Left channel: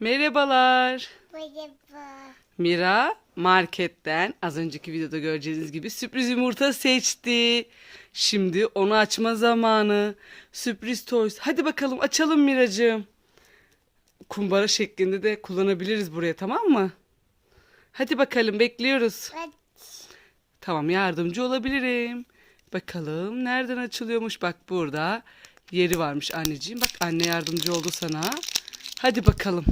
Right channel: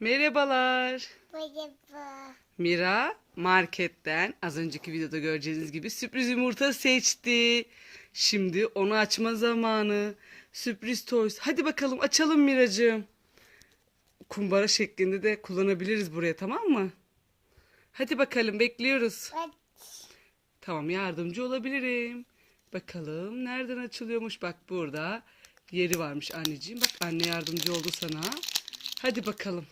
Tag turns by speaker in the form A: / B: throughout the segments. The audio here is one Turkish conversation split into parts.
A: Merhabalar.
B: Merhaba.
A: Mira marketten az önceki videoda göreceğiniz gibi sürpriz yumurta seçti. Şimdi onu açma zamanı. Sürpriz toys. Hadi bakalım açalım Miracığım. Kumbara şeklinde de kullanabiliriz buraya tamam mı? Hadi bakalım bekliyoruz.
B: Aç.
A: Tamam yardımcı olabilirim. Bakalım nereden açılıyormuş? Bak burada yeri varmış anneciğim. Bak anne yardımcı oldu sana. Hadi bakalım.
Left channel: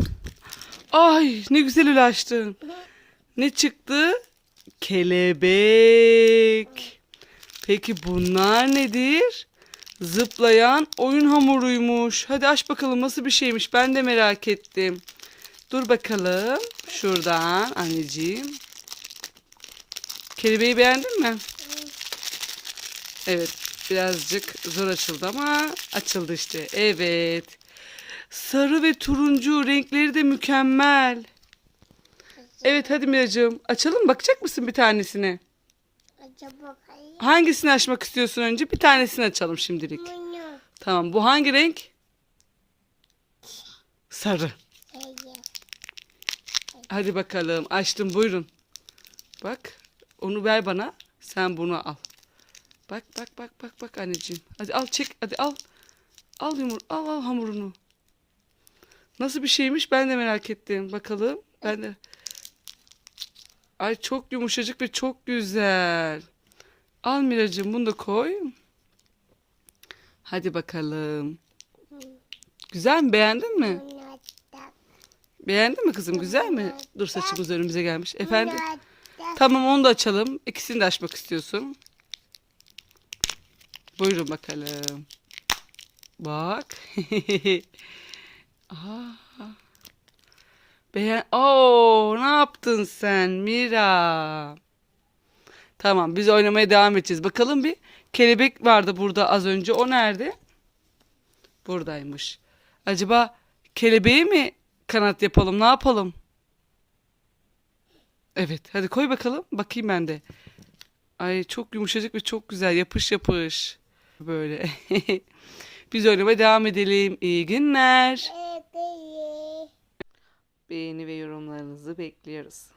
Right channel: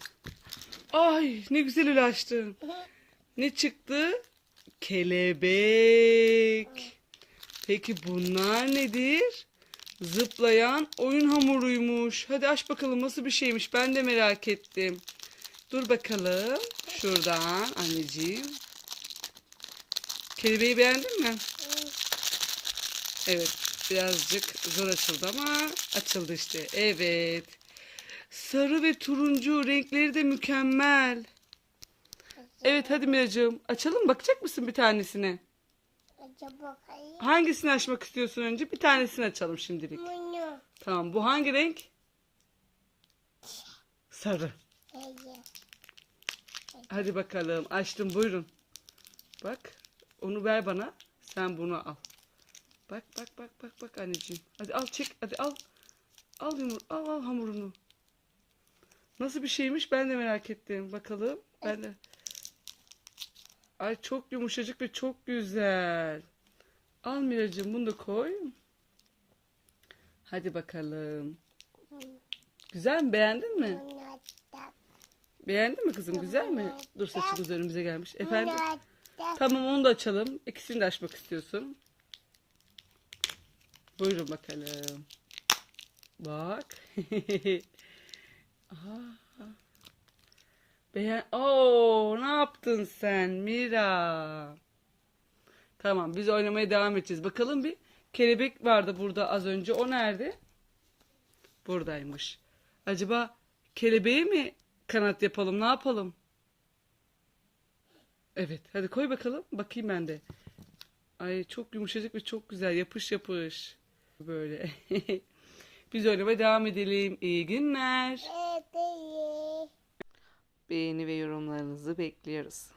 A: Ay ne güzel öyle açtın. Ne çıktı? Kelebek. Peki bunlar nedir? Zıplayan oyun hamuruymuş. Hadi aç bakalım nasıl bir şeymiş. Ben de merak ettim. Dur bakalım. Şuradan anneciğim. Kelebeği beğendin mi? Evet. Birazcık zor açıldı ama açıldı işte. Evet. Sarı ve turuncu renkleri de mükemmel. Evet hadi Miracığım. Açalım bakacak mısın bir tanesine?
B: Acaba hayır.
A: Hangisini açmak istiyorsun önce? Bir tanesini açalım şimdilik.
B: Bunu.
A: Tamam bu hangi renk? Sarı.
B: Hayır.
A: Hadi bakalım açtım buyurun. Bak onu ver bana. Sen bunu al. Bak bak bak bak bak anneciğim. Hadi al çek hadi al. Al yumur al al hamurunu. Nasıl bir şeymiş ben de merak ettim. Bakalım. Ben de. Ay çok yumuşacık ve çok güzel. Al Miracığım bunu da koy. Hadi bakalım. Güzel mi? Beğendin mi? Beğendin mi kızım? Güzel mi? Dur saçımız önümüze gelmiş. Efendim? Tamam onu da açalım. İkisini de açmak istiyorsun. Buyurun bakalım. Bak. Aa. Beğen... Oo, ne yaptın sen Mira? Tamam biz oynamaya devam edeceğiz. Bakalım bir kelebek vardı burada az önce. O nerede? Buradaymış. Acaba kelebeği mi kanat yapalım? Ne yapalım? Evet, hadi koy bakalım. Bakayım ben de. Ay çok yumuşacık ve çok güzel. Yapış yapış. Böyle. Biz oynamaya devam edelim. İyi günler. Beğeni ve yorumlarınızı bekliyoruz.